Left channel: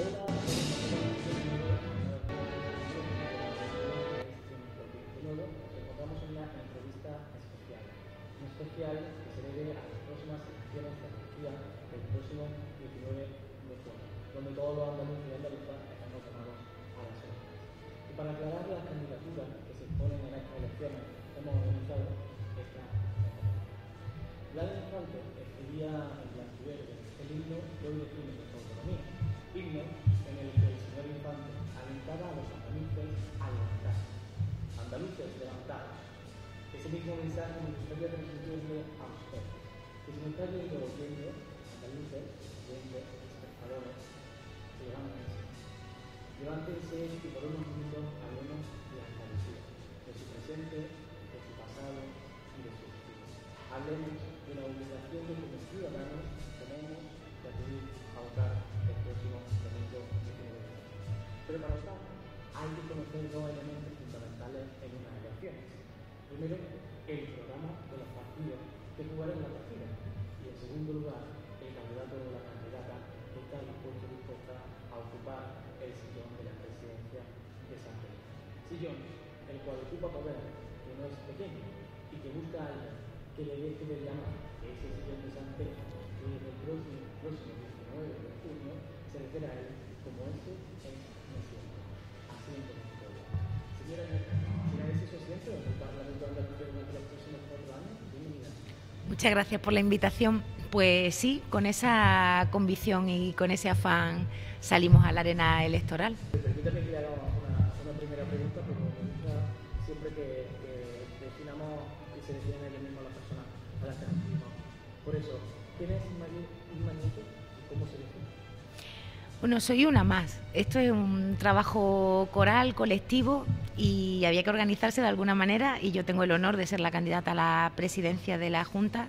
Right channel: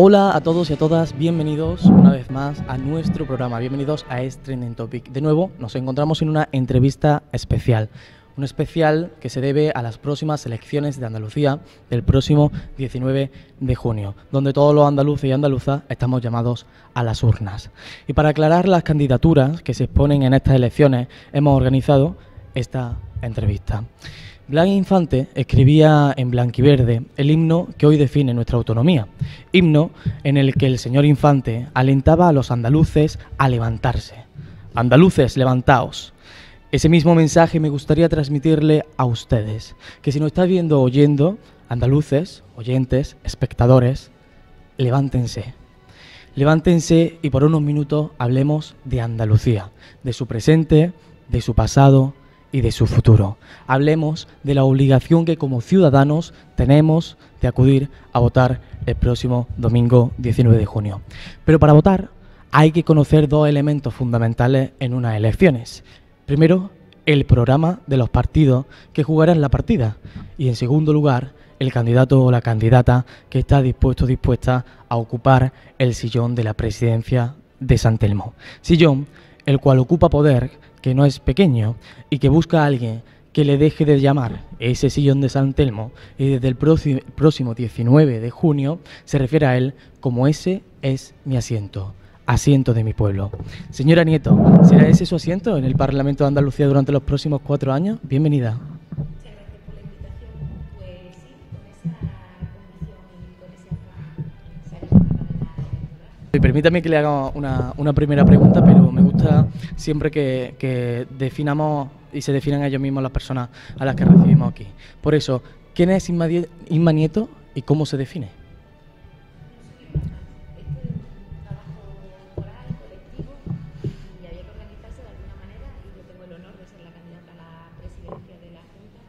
Hola a todos y a todas, bienvenidos una vez más a nuestro programa, bienvenidos a Trending Topic. De nuevo nos encontramos en una entrevista especial, un especial que se debe a las próximas elecciones de Andalucía del próximo 19 de junio, donde todos los andaluces y andaluzas estamos llamados a las urnas. Y para aclarar las candidaturas que se exponen en estas elecciones, hemos organizado esta entrevista. Blas Infante escribía en blanquiverde el himno que hoy define nuestra autonomía, himno en el que el señor Infante alentaba a los andaluces a levantarse. Andaluces, levantaos. Ese mismo mensaje me gustaría transmitirle a ustedes, que si nos está viendo o oyendo, andaluces, oyentes, espectadores, levántense. Levántense y por unos minutos hablemos de Andalucía, de su presente, de su pasado y de su futuro. Hablemos de la obligación que como ciudadanos tenemos de acudir a votar el próximo domingo 19 de junio. Pero para votar hay que conocer dos elementos fundamentales en unas elecciones. Primero, el programa de los partidos que jugarán la partida. Y en segundo lugar, el candidato o la candidata que está dispuesto o dispuesta a ocupar el sillón de la presidencia de San Telmo. Sillón el cual ocupa poder que no es pequeño y que busca a alguien que le deje de llamar ese sillón de San Telmo, y desde el próximo 19 de junio se refiere a él como ese es mi asiento, asiento de mi pueblo. Señora Nieto, ¿será ese su asiento en el Parlamento de Andalucía durante los próximos 4 años? Bienvenida. Muchas gracias por la invitación. Pues sí, con esa convicción y con ese afán salimos a la arena electoral. Permítame que le haga una primera pregunta, pero me gusta siempre que definamos y se definan ellos mismos las personas a las que recibimos aquí. Por eso, ¿quién es Inma Nieto y cómo se define? Bueno, soy una más. Esto es un trabajo coral, colectivo, y había que organizarse de alguna manera, y yo tengo el honor de ser la candidata a la presidencia de la Junta,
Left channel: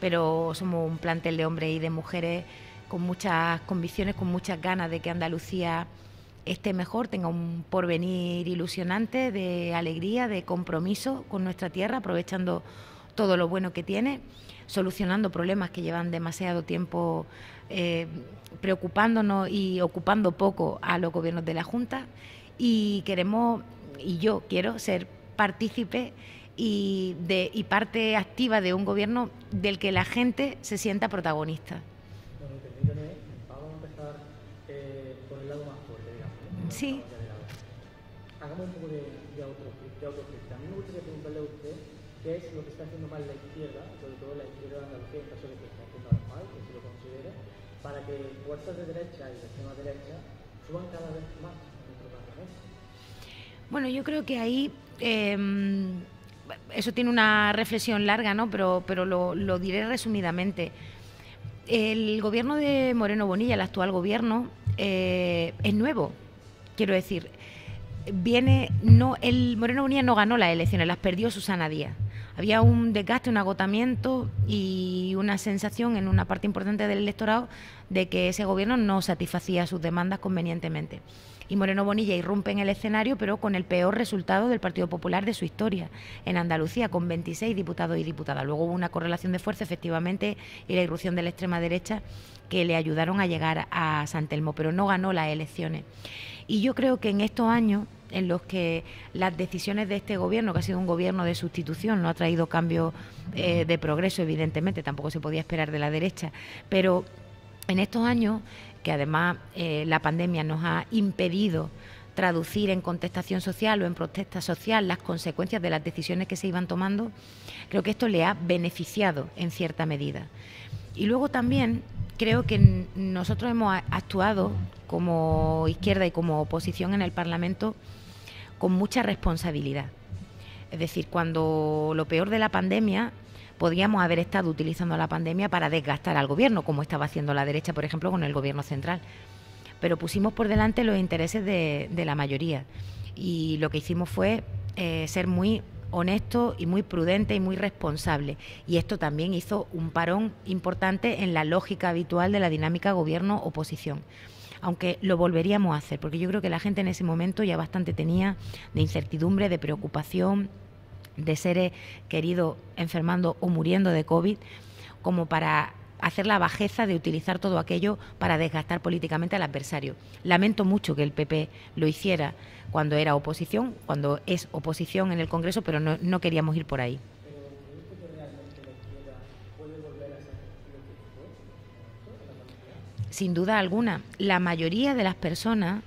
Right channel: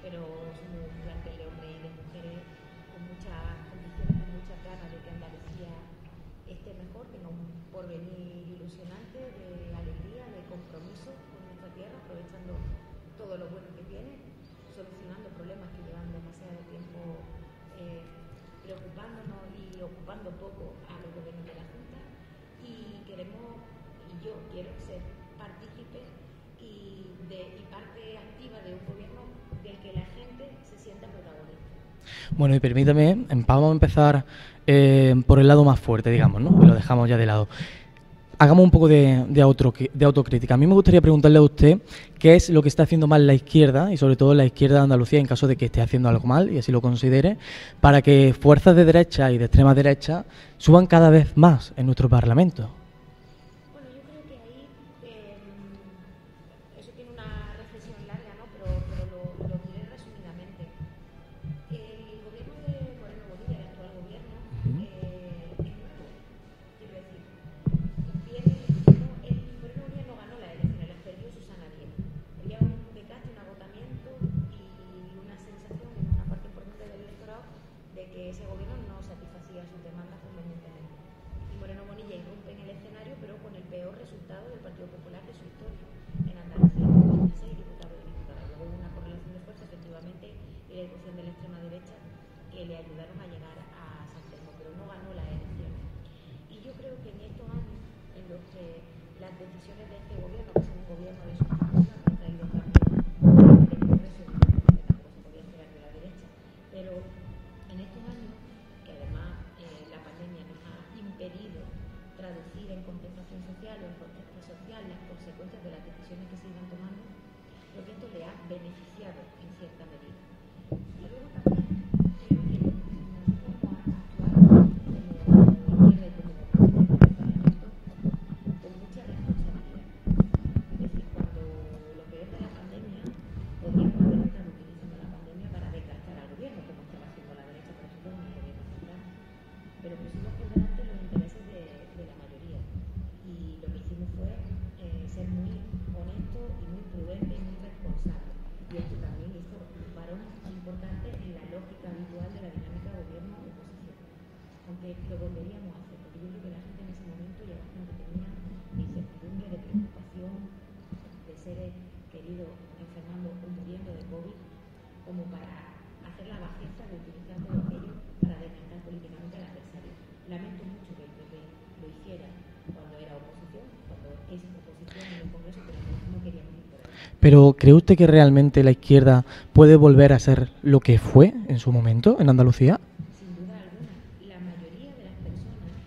pero somos un plantel de hombres y de mujeres con muchas convicciones, con muchas ganas de que Andalucía esté mejor, tenga un porvenir ilusionante, de alegría, de compromiso con nuestra tierra, aprovechando todo lo bueno que tiene, solucionando problemas que llevan demasiado tiempo preocupándonos y ocupando poco a los gobiernos de la Junta, y yo quiero ser partícipe y parte activa de un gobierno del que la gente se sienta protagonista. Bueno, y permítame, vamos a empezar por el lado más fuerte, digamos, ¿no? Que lo dejamos ya de lado. Hagamos un poco de autocrítica. A mí me gustaría preguntarle a usted qué es lo que está haciendo mal la izquierda, y sobre todo la izquierda de Andalucía, en caso de que esté haciendo algo mal, y así lo considere, para que fuerzas de derecha y de extrema derecha suban cada vez más en nuestro Parlamento. Bueno, yo creo que ahí eso tiene una reflexión larga, ¿no? Pero lo diré resumidamente. El gobierno de Moreno Bonilla, el actual gobierno, es nuevo, quiero decir. El Moreno Bonilla no ganó las elecciones, las perdió Susana Díaz. Había un desgaste, un agotamiento y una sensación en una parte importante del electorado de que ese gobierno no satisfacía sus demandas convenientemente. Y Moreno Bonilla irrumpe en el escenario, pero con el peor resultado del Partido Popular de su historia en Andalucía, con 26 diputados y diputadas. Luego hubo una correlación de fuerza, efectivamente, y la irrupción de la extrema derecha que le ayudaron a llegar a San Telmo, pero no ganó las elecciones. Y yo creo que en estos años en los que las decisiones de este gobierno, que ha sido un gobierno de sustitución, no ha traído cambios de progreso, evidentemente, tampoco se podía esperar de la derecha, pero en estos años, que además la pandemia nos ha impedido traducir en contestación social o en protesta social las consecuencias de las decisiones que se iban tomando, creo que esto le ha beneficiado en cierta medida. Y luego también creo que nosotros hemos actuado como izquierda y como oposición en el Parlamento con mucha responsabilidad. Es decir, cuando lo peor de la pandemia, podíamos haber estado utilizando la pandemia para desgastar al gobierno, como estaba haciendo la derecha, por ejemplo, con el gobierno central. Pero pusimos por delante los intereses de la mayoría, y lo que hicimos fue ser muy honesto y muy prudente y muy responsable, y esto también hizo un parón importante en la lógica habitual de la dinámica gobierno-oposición, aunque lo volveríamos a hacer, porque yo creo que la gente en ese momento ya bastante tenía de incertidumbre, de preocupación, de seres queridos enfermando o muriendo de COVID, como para hacer la bajeza de utilizar todo aquello para desgastar políticamente al adversario. Lamento mucho que el PP lo hiciera cuando era oposición, cuando es oposición en el Congreso, pero no queríamos ir por ahí. Pero ¿cree usted que realmente la izquierda puede volver a ser lo que fue en su momento en Andalucía? Sin duda alguna. La mayoría de las personas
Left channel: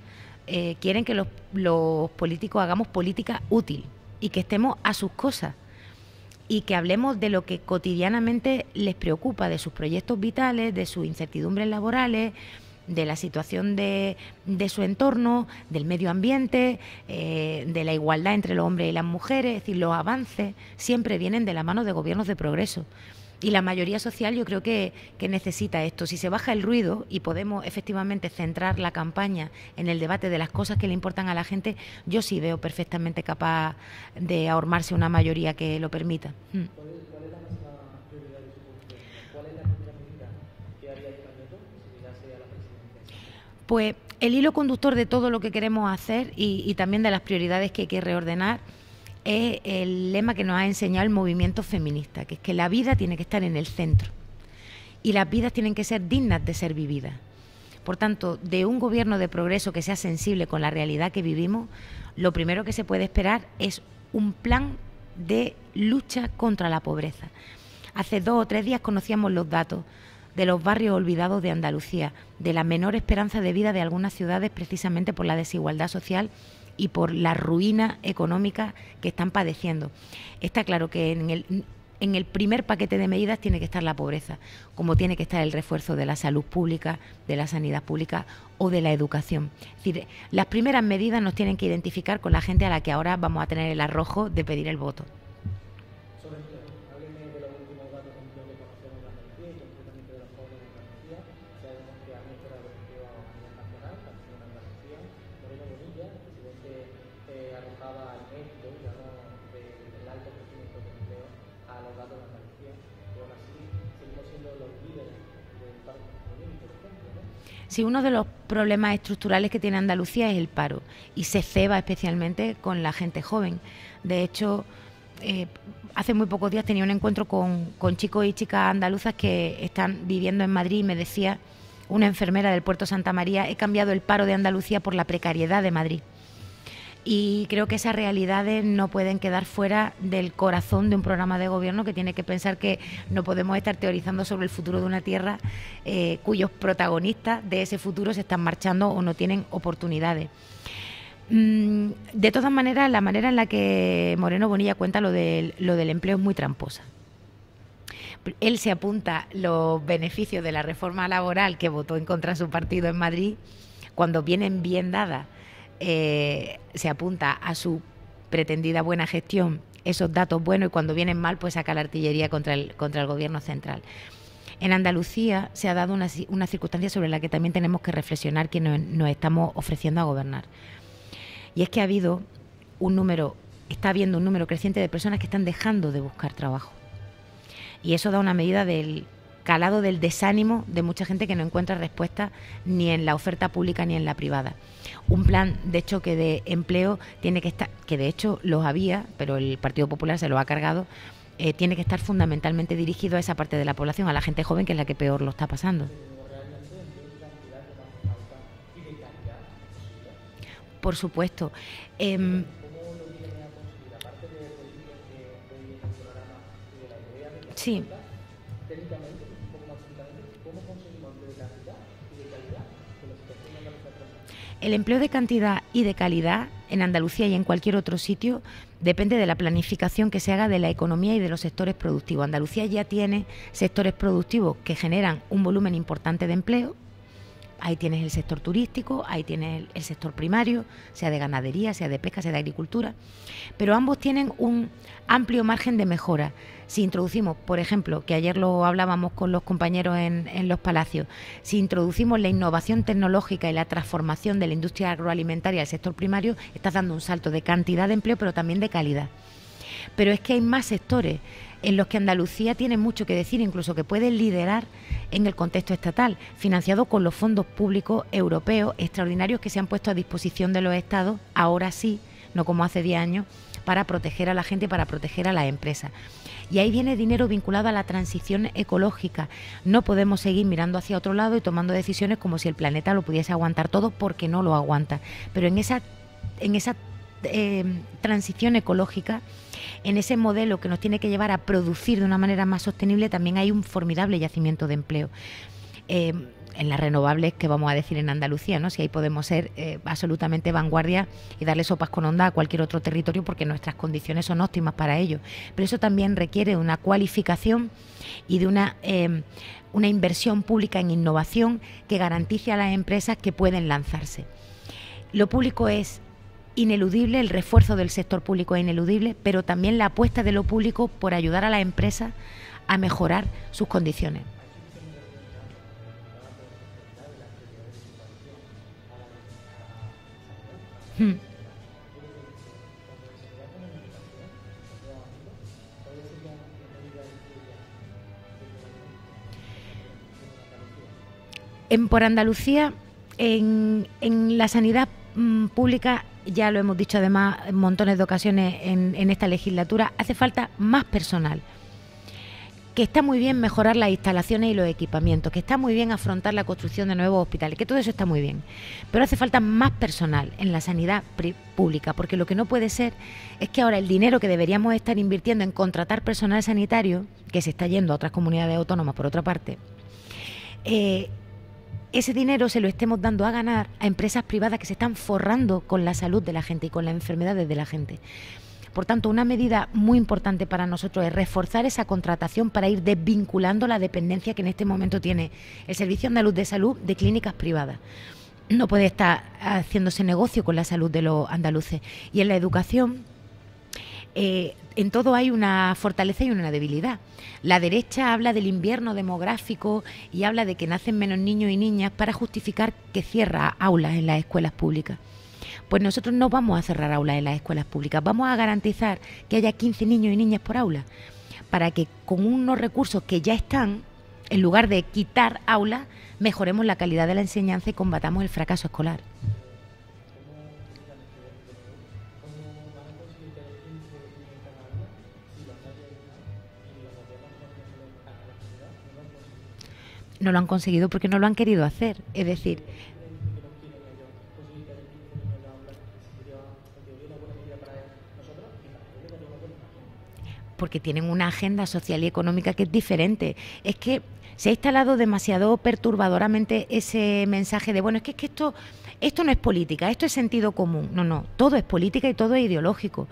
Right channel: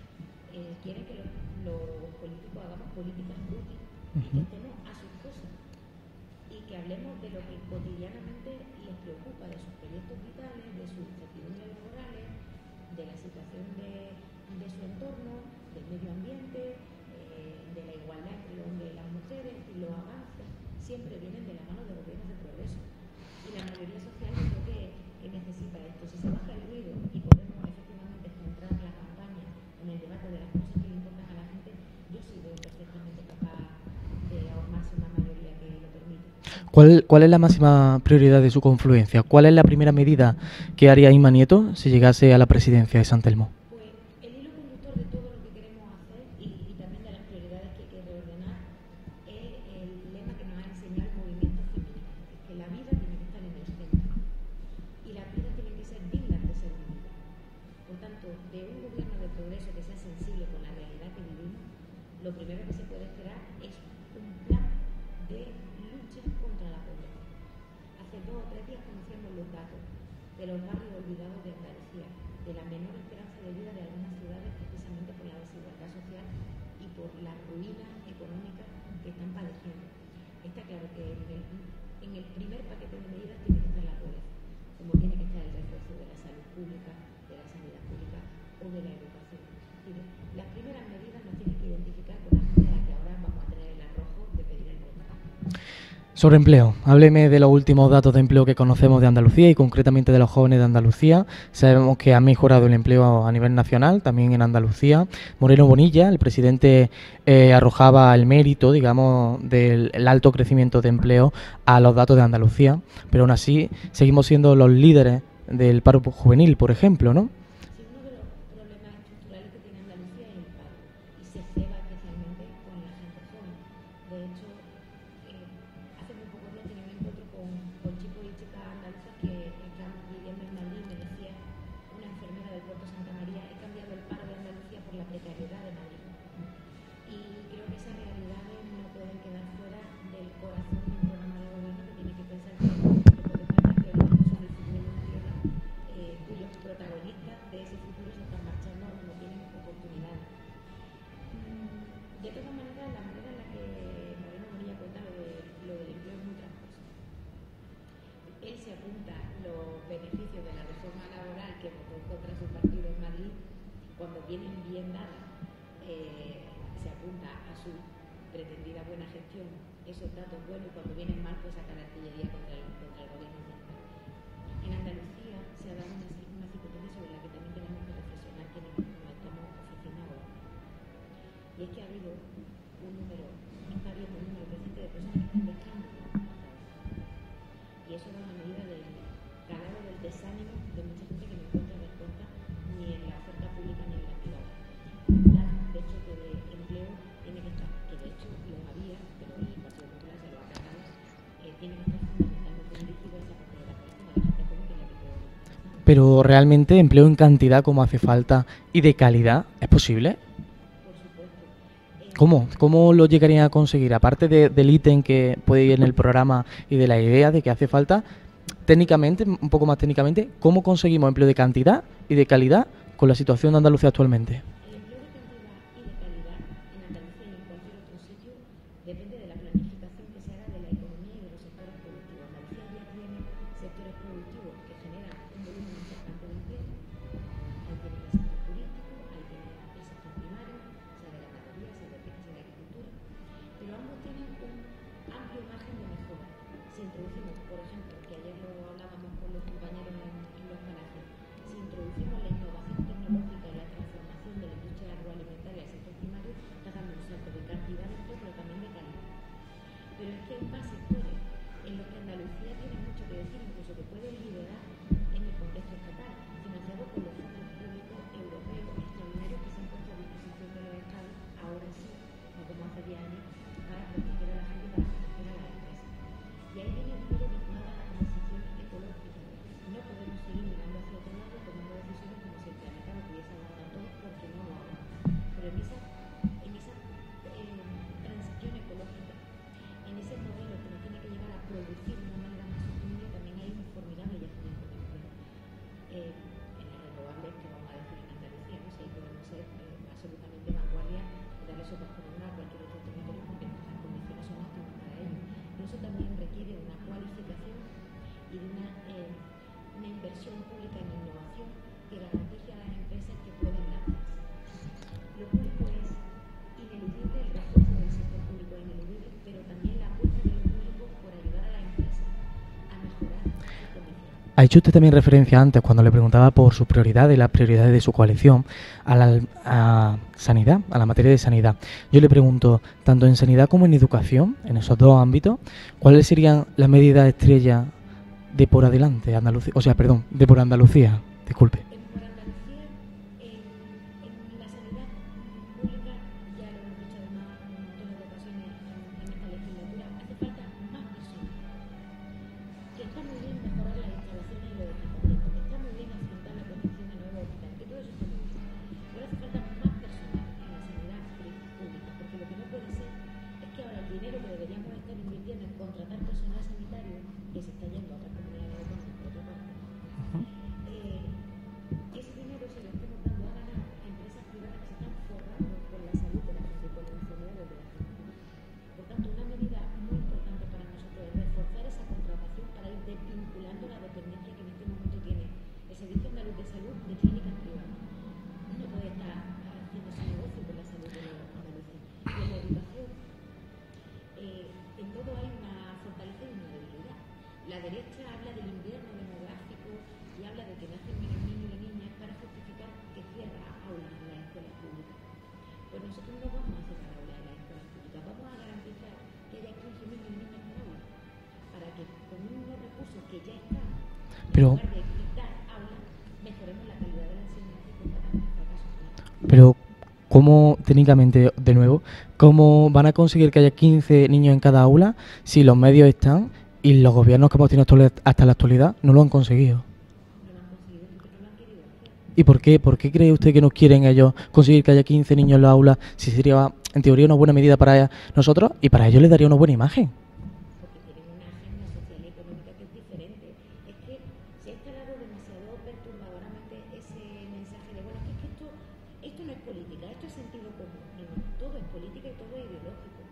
quieren que los políticos hagamos política útil y que estemos a sus cosas y que hablemos de lo que cotidianamente les preocupa, de sus proyectos vitales, de sus incertidumbres laborales, de la situación de su entorno, del medio ambiente, de la igualdad entre los hombres y las mujeres. Es decir, los avances siempre vienen de la mano de gobiernos de progreso. Y la mayoría social yo creo que necesita esto. Si se baja el ruido y podemos efectivamente centrar la campaña en el debate de las cosas que le importan a la gente, yo sí veo perfectamente capaz de ahormarse una mayoría que lo permita. ¿Cuál es la máxima prioridad de su confluencia? ¿Cuál es la primera medida que haría Inma Nieto si llegase a la presidencia de San Telmo? Pues el hilo conductor de todo lo que queremos hacer y también de las prioridades que hay que reordenar es el lema que nos ha enseñado el movimiento feminista, que es que la vida tiene que estar en el centro y las vidas tienen que ser dignas de ser vividas. Por tanto, de un gobierno de progreso que sea sensible con la realidad que vivimos, lo primero que se puede esperar es un plan de lucha contra la pobreza. Hace 2 o 3 días conocíamos los datos de los barrios olvidados de Andalucía, de la menor esperanza de vida de algunas ciudades precisamente por la desigualdad social y por la ruina económica que están padeciendo. Está claro que en el primer paquete de medidas tiene que estar la pobreza, como tiene que estar el refuerzo de la salud pública, de la sanidad pública o de la educación. Es decir, las primeras medidas nos tienen que identificar con la gente a la que ahora vamos a tener el arrojo de pedir el voto. Sobre empleo, hábleme de los últimos datos de empleo que conocemos de Andalucía y concretamente de los jóvenes de Andalucía. Sabemos que ha mejorado el empleo a nivel nacional, también en Andalucía. Moreno Bonilla, el presidente, arrojaba el mérito, digamos, del alto crecimiento de empleo a los datos de Andalucía, pero aún así seguimos siendo los líderes del paro juvenil, por ejemplo, ¿no? Sí, uno de los problemas estructurales que tiene Andalucía es el paro y se ceba especialmente con la gente joven. De hecho, hace muy pocos días tenía un encuentro con chicos y chicas andaluzas que están viviendo en Madrid y me decía una enfermera del Puerto Santa María: he cambiado el paro de Andalucía por la precariedad de Madrid. Y creo que esas realidades no pueden quedar fuera del corazón de un programa de gobierno que tiene que pensar que no podemos estar teorizando sobre el futuro de una tierra cuyos protagonistas de ese futuro se están marchando o no tienen oportunidades. De todas maneras, la manera en la que Moreno Bonilla cuenta lo del empleo es muy tramposa. Él se apunta los beneficios de la reforma laboral que votó en contra de su partido en Madrid, cuando vienen bien dadas, se apunta a su pretendida buena gestión esos datos buenos, y cuando vienen mal pues saca la artillería contra el gobierno central. En Andalucía se ha dado una circunstancia sobre la que también tenemos que reflexionar que nos estamos ofreciendo a gobernar. Y es que está habiendo un número creciente de personas que están dejando de buscar trabajo. Y eso da una medida del calado del desánimo de mucha gente que no encuentra respuesta ni en la oferta pública ni en la privada. Un plan de choque de empleo tiene que estar, que de hecho los había, pero el Partido Popular se lo ha cargado, tiene que estar fundamentalmente dirigido a esa parte de la población, a la gente joven, que es la que peor lo está pasando. Pero realmente empleo en cantidad como hace falta y de calidad, ¿es posible? Por supuesto. ¿Cómo lo llegarían a conseguir? Aparte del ítem que puede ir en el programa y de la idea de que hace falta, técnicamente, un poco más técnicamente, ¿cómo conseguimos empleo de cantidad y de calidad con la situación de Andalucía actualmente? El empleo de cantidad y de calidad en Andalucía y en cualquier otro sitio depende de la planificación que se haga de la economía y de los sectores productivos. Andalucía ya tiene sectores productivos que generan un volumen importante de empleo. Ahí tienes el sector turístico, ahí tienes el sector primario, sea de ganadería, sea de pesca, sea de agricultura, pero ambos tienen un amplio margen de mejora. Si introducimos, por ejemplo, que ayer lo hablábamos con los compañeros en los palacios, si introducimos la innovación tecnológica y la transformación de la industria agroalimentaria al sector primario, estás dando un salto de cantidad de empleo, pero también de calidad. Pero es que hay más sectores en los que Andalucía tiene mucho que decir, incluso que puede liderar en el contexto estatal, financiado con los fondos públicos europeos extraordinarios que se han puesto a disposición de los estados, ahora sí, no como hace 10 años, para proteger a la gente y para proteger a las empresas. Y ahí viene dinero vinculado a la transición ecológica. No podemos seguir mirando hacia otro lado y tomando decisiones como si el planeta lo pudiese aguantar todo, porque no lo aguanta. Pero en esa transición ecológica, en ese modelo que nos tiene que llevar a producir de una manera más sostenible, también hay un formidable yacimiento de empleo. En las renovables, que vamos a decir en Andalucía, ¿no? Si ahí podemos ser absolutamente vanguardia y darle sopas con onda a cualquier otro territorio, porque nuestras condiciones son óptimas para ello. Pero eso también requiere una cualificación y de una inversión pública en innovación que garantice a las empresas que pueden lanzarse. Lo público es ineludible, el refuerzo del sector público es ineludible, pero también la apuesta de lo público por ayudar a las empresas a mejorar sus condiciones. Ha hecho usted también referencia antes, cuando le preguntaba por sus prioridades, las prioridades de su coalición, a sanidad, a la materia de sanidad. Yo le pregunto, tanto en sanidad como en educación, en esos dos ámbitos, ¿cuáles serían las medidas estrella de por adelante, Andalucía? O sea, perdón, de por Andalucía, disculpe. Por Andalucía, en la sanidad pública, ya lo hemos dicho además en montones de ocasiones en esta legislatura, hace falta más personal. Que está muy bien mejorar las instalaciones y los equipamientos, que está muy bien afrontar la construcción de nuevos hospitales, que todo eso está muy bien, pero hace falta más personal en la sanidad pública, porque lo que no puede ser es que ahora el dinero que deberíamos estar invirtiendo en contratar personal sanitario, que se está yendo a otras comunidades autónomas por otra parte, ese dinero se lo estemos dando a ganar a empresas privadas que se están forrando con la salud de la gente y con las enfermedades de la gente. Por tanto, una medida muy importante para nosotros es reforzar esa contratación para ir desvinculando la dependencia que en este momento tiene el Servicio Andaluz de Salud de clínicas privadas. No puede estar haciéndose negocio con la salud de los andaluces. Y en la educación, en todo hay una fortaleza y una debilidad. La derecha habla del invierno demográfico y habla de que nacen menos niños y niñas para justificar que cierra aulas en las escuelas públicas. Pues nosotros no vamos a cerrar aulas en las escuelas públicas, vamos a garantizar que haya 15 niños y niñas por aula, para que con unos recursos que ya están, en lugar de quitar aulas, mejoremos la calidad de la enseñanza y combatamos el fracaso escolar. Pero, ¿cómo, técnicamente, de nuevo, cómo van a conseguir que haya 15 niños en cada aula si los medios están y los gobiernos que hemos tenido hasta la actualidad no lo han conseguido? No lo han conseguido porque no lo han querido hacer. ¿Y por qué? ¿Por qué cree usted que no quieren ellos conseguir que haya 15 niños en la aula si sería, en teoría, una buena medida para nosotros y para ellos les daría una buena imagen? Porque tienen una agenda social y económica que es diferente. Es que se ha instalado demasiado perturbadoramente ese mensaje de, bueno, es que esto no es política, esto es sentido común. No, todo es política y todo es ideológico.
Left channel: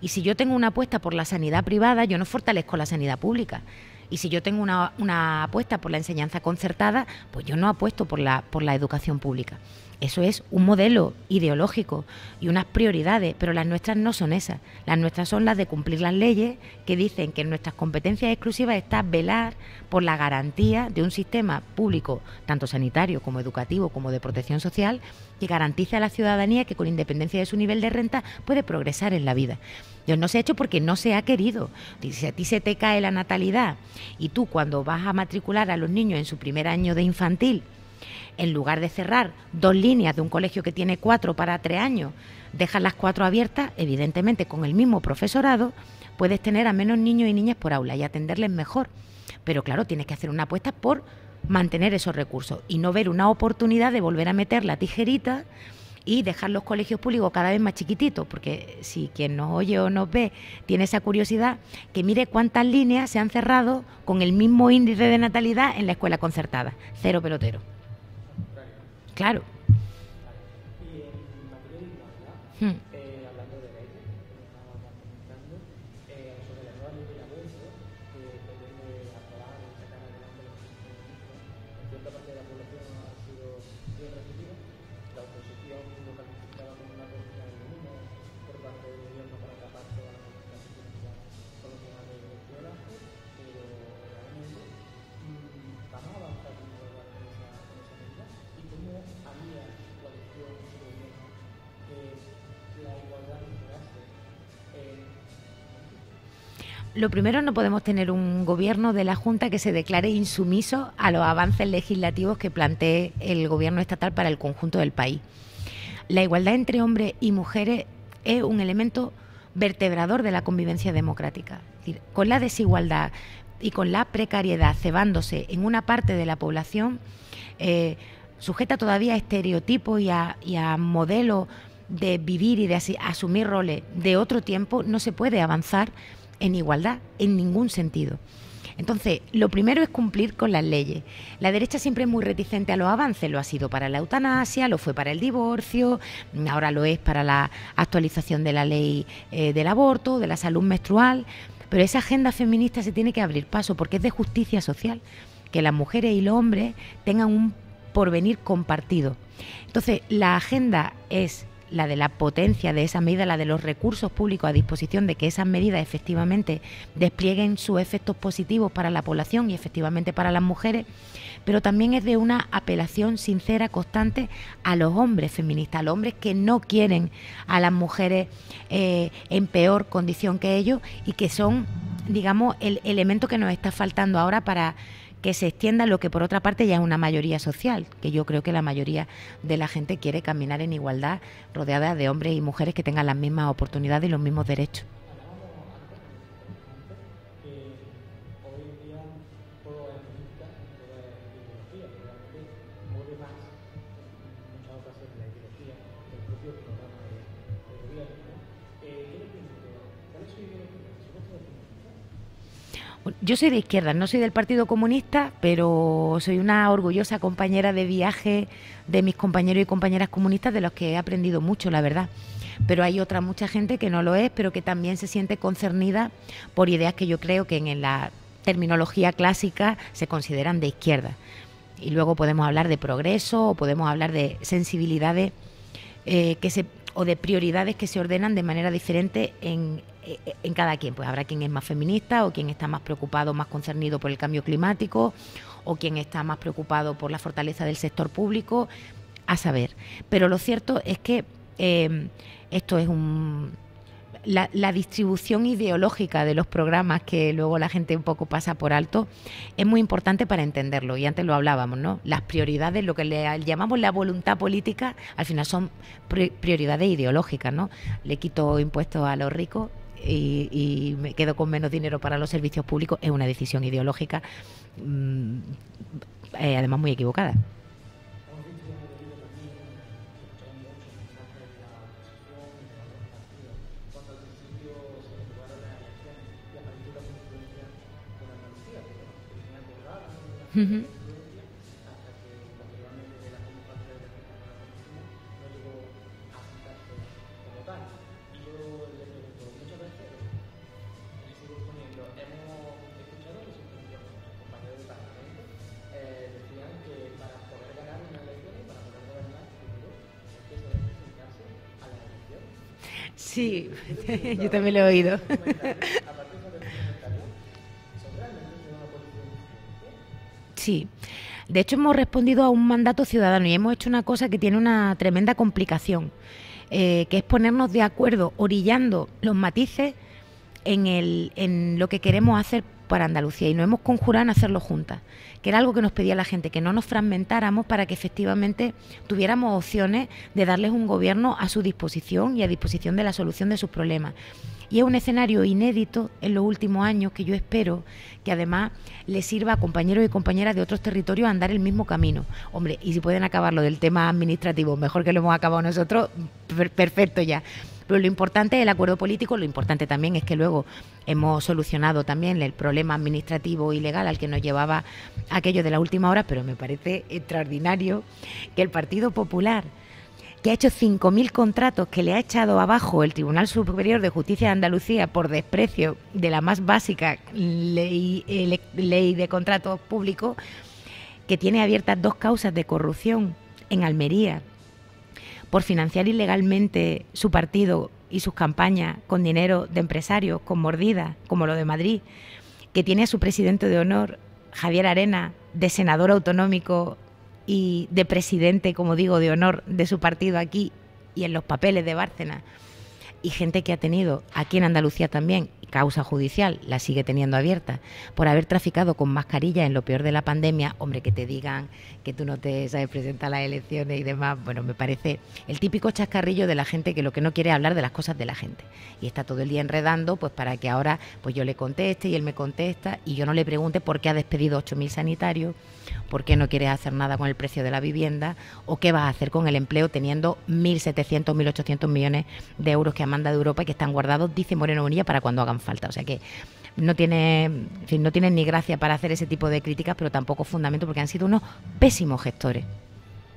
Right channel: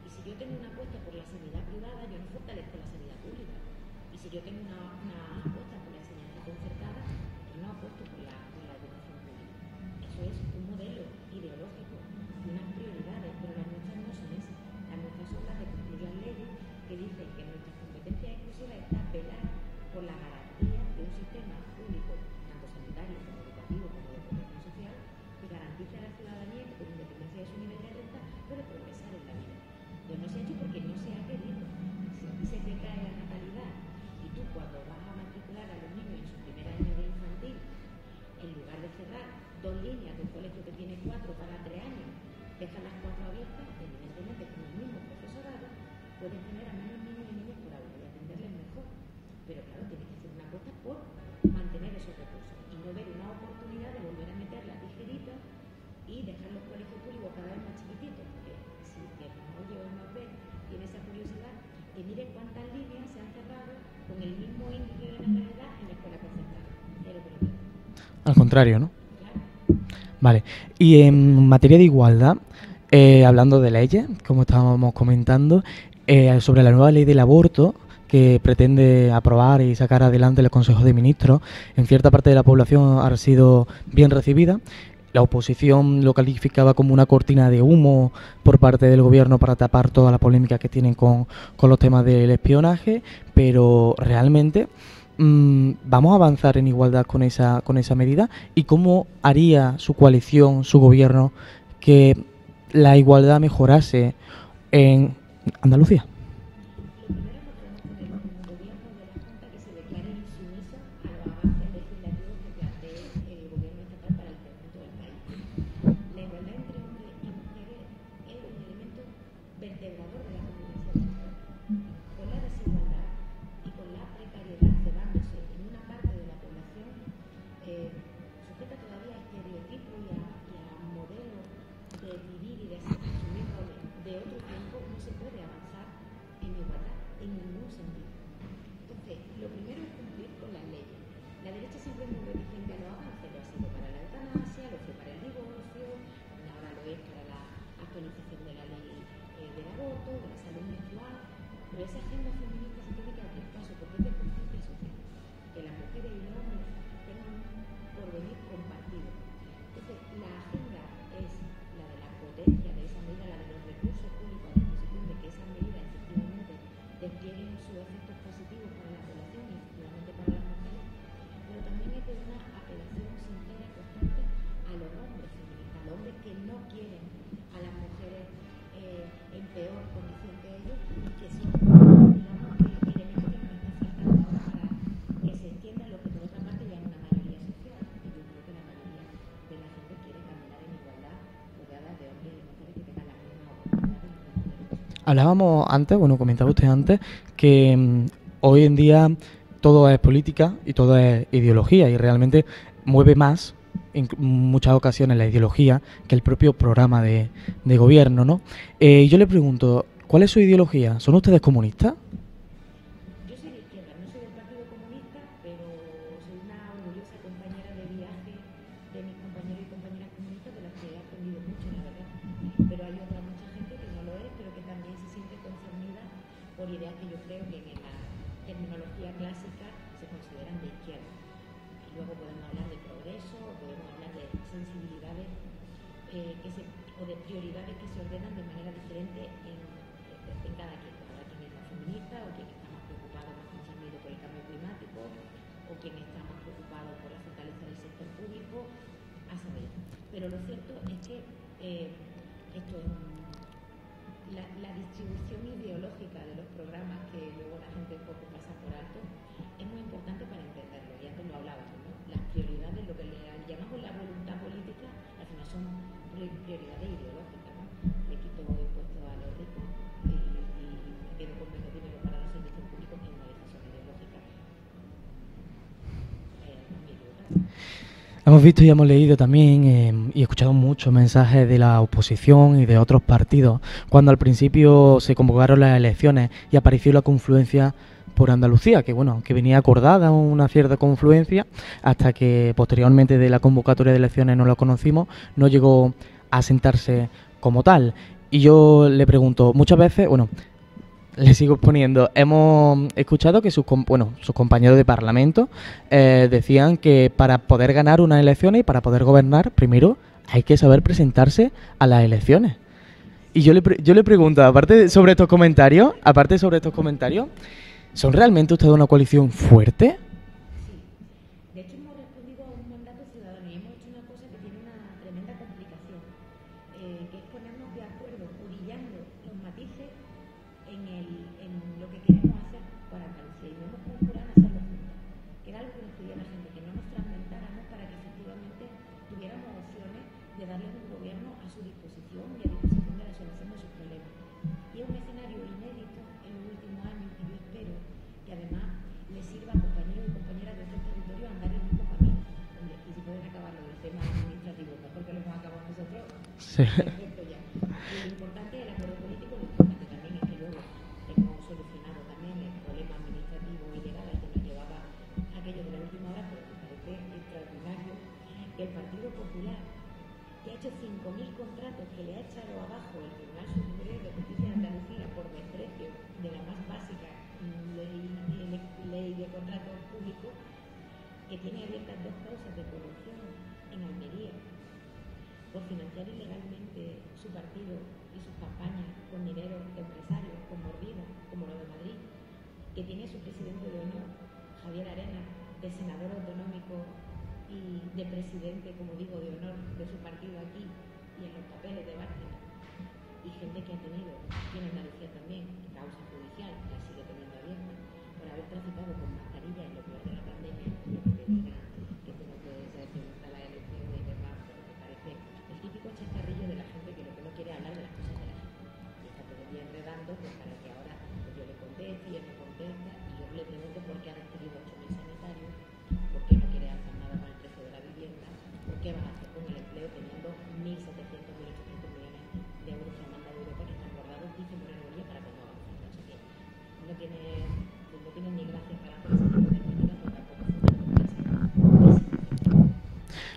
Y si yo tengo una apuesta por la sanidad privada, yo no fortalezco la sanidad pública. Y si yo tengo una apuesta por la enseñanza concertada, pues yo no apuesto por la educación pública. Eso es un modelo ideológico y unas prioridades, pero las nuestras no son esas. Las nuestras son las de cumplir las leyes que dicen que en nuestras competencias exclusivas está velar por la garantía de un sistema público, tanto sanitario como educativo como de protección social, que garantice a la ciudadanía que con independencia de su nivel de renta puede progresar en la vida. Dios, no se ha hecho porque no se ha querido. Si a ti se te cae la natalidad y tú cuando vas a matricular a los niños en su primer año de infantil, en lugar de cerrar 2 líneas de un colegio que tiene 4 para 3 años, dejas las 4 abiertas, evidentemente con el mismo profesorado, puedes tener a menos niños y niñas por aula y atenderles mejor. Pero claro, tienes que hacer una apuesta por mantener esos recursos y no ver una oportunidad de volver a meter la tijerita y dejar los colegios públicos cada vez más chiquititos, porque si quien nos oye o nos ve tiene esa curiosidad, que mire cuántas líneas se han cerrado con el mismo índice de natalidad en la escuela concertada. 0 pelotero. Al contrario, ¿no? Claro. Vale. Y en materia de igualdad, hablando de leyes, como estábamos comentando, sobre la nueva ley del aborto que pretende aprobar y sacar adelante el Consejo de Ministros, en cierta parte de la población ha sido bien recibida. La oposición lo calificaba como una cortina de humo por parte del gobierno para tapar toda la polémica que tienen con los temas del espionaje, pero realmente vamos a avanzar en igualdad con esa medida. ¿Y cómo haría su coalición, su gobierno, que la igualdad mejorase en Andalucía? Lo primero, no podemos tener un gobierno de la Junta que se declare insumiso a los avances legislativos que plantee el gobierno estatal para el conjunto del país. La igualdad entre hombres y mujeres es un elemento vertebrador de la convivencia democrática. Es decir, con la desigualdad y con la precariedad cebándose en una parte de la población, sujeta todavía a estereotipos y a modelos de vivir y de asumir roles de otro tiempo, no se puede avanzar en igualdad en ningún sentido. Entonces, lo primero es cumplir con las leyes. La derecha siempre es muy reticente a los avances, lo ha sido para la eutanasia, lo fue para el divorcio, ahora lo es para la actualización de la ley del aborto, de la salud menstrual, pero esa agenda feminista se tiene que abrir paso porque es de justicia social, que las mujeres y los hombres tengan un porvenir compartido. Entonces, la agenda es la de la potencia de esa medida, la de los recursos públicos a disposición de que esas medidas efectivamente desplieguen sus efectos positivos para la población y efectivamente para las mujeres, pero también es de una apelación sincera, constante a los hombres feministas, a los hombres que no quieren a las mujeres en peor condición que ellos y que son, digamos, el elemento que nos está faltando ahora para que se extienda lo que por otra parte ya es una mayoría social, que yo creo que la mayoría de la gente quiere caminar en igualdad, rodeada de hombres y mujeres que tengan las mismas oportunidades y los mismos derechos. Hablábamos antes, bueno, comentaba usted antes, que hoy en día todo es política y todo es ideología y realmente mueve más en muchas ocasiones la ideología que el propio programa de gobierno, ¿no? Yo le pregunto, ¿cuál es su ideología? ¿Son ustedes comunistas? Yo soy de izquierda, no soy del Partido Comunista, pero soy una orgullosa compañera de viaje de mis compañeros y compañeras comunistas, de los que he aprendido mucho, la verdad. Pero hay mucha gente que no lo es, pero que también se siente concernida por ideas que yo creo que en la terminología clásica se consideran de izquierda. Y luego podemos hablar de progreso o podemos hablar de sensibilidades o de prioridades que se ordenan de manera diferente en cada quien. Pues habrá quien es más feminista o quien está más preocupado, más concernido por el cambio climático o quien está más preocupado por la fortaleza del sector público, a saber. Pero lo cierto es que esto es la distribución ideológica de los programas, que luego la gente un poco pasa por alto, es muy importante para entenderlo. Y antes lo hablábamos, ¿no? Las prioridades, lo que le llamamos la voluntad política, al final son prioridades ideológicas, ¿no? Le quito impuestos a los ricos y me quedo con menos dinero para los servicios públicos. Es una decisión ideológica, además muy equivocada. Hemos visto y hemos leído también y escuchado muchos mensajes de la oposición y de otros partidos cuando al principio se convocaron las elecciones y apareció la confluencia por Andalucía, que bueno, que venía acordada una cierta confluencia, hasta que posteriormente de la convocatoria de elecciones no lo conocimos, no llegó a sentarse como tal. Y yo le pregunto, muchas veces, bueno, le sigo poniendo, hemos escuchado que sus compañeros de Parlamento decían que para poder ganar unas elecciones y para poder gobernar, primero hay que saber presentarse a las elecciones. Sí. Y yo le pregunto, aparte sobre estos comentarios, ¿son realmente ustedes una coalición fuerte? Sí. De hecho, hemos respondido a un mandato ciudadano y hemos hecho una cosa que tiene una tremenda complicación, que es ponernos de acuerdo, orillando los matices en lo que queremos hacer para Andalucía, y nos hemos conjurado en hacerlo juntas, que era algo que nos pedía la gente, que no nos fragmentáramos para que efectivamente tuviéramos opciones de darles un gobierno a su disposición y a disposición de la solución de sus problemas. Y es un escenario inédito en los últimos años que yo espero que además les sirva a compañeros y compañeras de otros territorios a andar el mismo camino. Hombre, y si pueden acabarlo del tema administrativo, mejor que lo hemos acabado nosotros, perfecto ya. Pero lo importante es el acuerdo político, lo importante también es que luego hemos solucionado también el problema administrativo y legal al que nos llevaba aquello de la última hora, pero me parece extraordinario que el Partido Popular, que ha hecho 5.000 contratos, que le ha echado abajo el Tribunal Superior de Justicia de Andalucía por desprecio de la más básica ley de contratos públicos, que tiene abiertas 2 causas de corrupción en Almería por financiar ilegalmente su partido y sus campañas con dinero de empresarios, con mordidas, como lo de Madrid, que tiene a su presidente de honor, Javier Arena, de senador autonómico y de presidente, como digo, de honor de su partido aquí y en los papeles de Bárcenas, y gente que ha tenido aquí en Andalucía también, causa judicial, la sigue teniendo abierta, por haber traficado con mascarilla en lo peor de la pandemia, hombre, que te digan que tú no te sabes presentar a las elecciones y demás, bueno, me parece el típico chascarrillo de la gente que lo que no quiere es hablar de las cosas de la gente. Y está todo el día enredando, pues para que ahora pues yo le conteste y él me contesta y yo no le pregunte por qué ha despedido 8.000 sanitarios, por qué no quieres hacer nada con el precio de la vivienda o qué vas a hacer con el empleo teniendo 1.700, 1.800 millones de euros que ha mandado Europa y que están guardados, dice Moreno Bonilla, para cuando hagan falta. O sea que no tiene, en fin, no tienen ni gracia para hacer ese tipo de críticas, pero tampoco fundamento porque han sido unos pésimos gestores.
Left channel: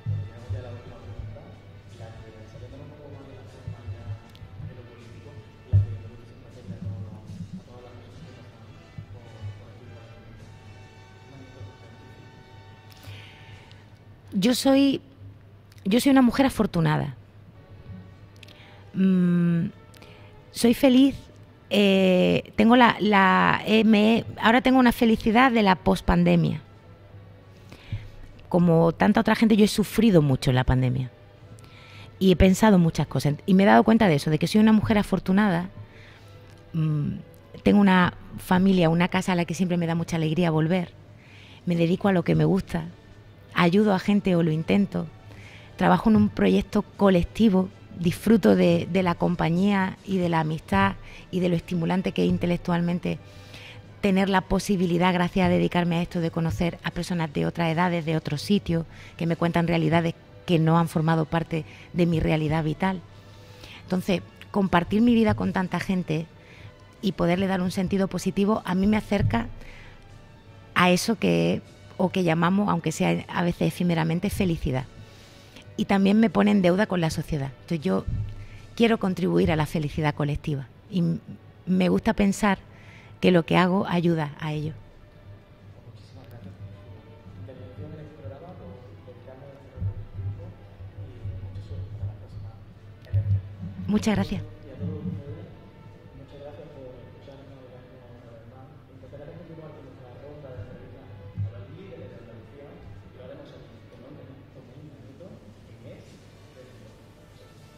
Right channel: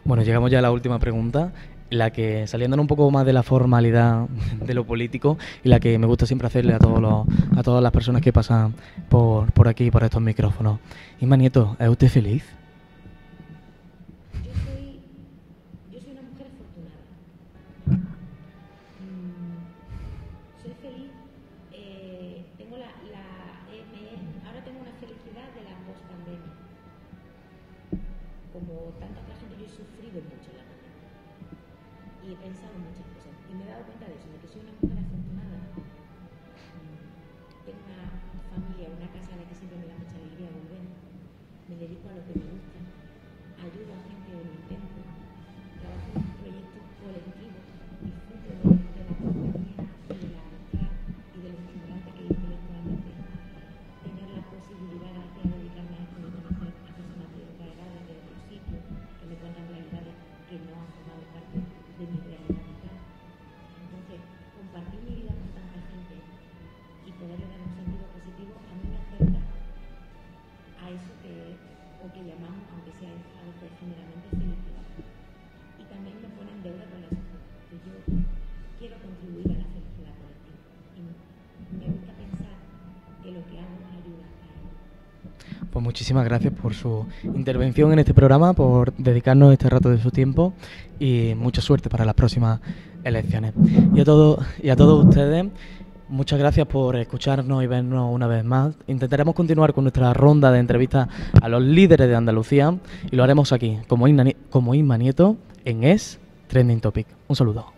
Bueno, llegamos ya a la última pregunta, la que, saliendo un poco más de la formalidad de lo político, y la que me gusta siempre hacerle a todas las personas que pasan por aquí, por estos micrófonos. Inma Nieto, ¿es usted feliz? Yo soy una mujer afortunada. Soy feliz. Ahora tengo una felicidad de la pospandemia. Como tanta otra gente, yo he sufrido mucho en la pandemia y he pensado muchas cosas y me he dado cuenta de eso, de que soy una mujer afortunada. Tengo una familia, una casa a la que siempre me da mucha alegría volver. Me dedico a lo que me gusta, ayudo a gente o lo intento, trabajo en un proyecto colectivo, disfruto de la compañía y de la amistad y de lo estimulante que es intelectualmente tener la posibilidad, gracias a dedicarme a esto, de conocer a personas de otras edades, de otros sitios, que me cuentan realidades que no han formado parte de mi realidad vital. Entonces, compartir mi vida con tanta gente y poderle dar un sentido positivo, a mí me acerca a eso que llamamos, aunque sea a veces efímeramente, felicidad. Y también me pone en deuda con la sociedad. Entonces yo quiero contribuir a la felicidad colectiva y me gusta pensar que lo que hago ayuda a ello. Pues muchísimas gracias por su intervención en este programa, por dedicarnos este rato de su tiempo y mucha suerte para las próximas elecciones. Y a todos ustedes, muchas gracias por escucharnos y vernos una vez más. Intentaremos continuar con nuestra ronda de entrevistas a los líderes de Andalucía y lo haremos aquí, como Inma Nieto, en Es Trending Topic. Un saludo.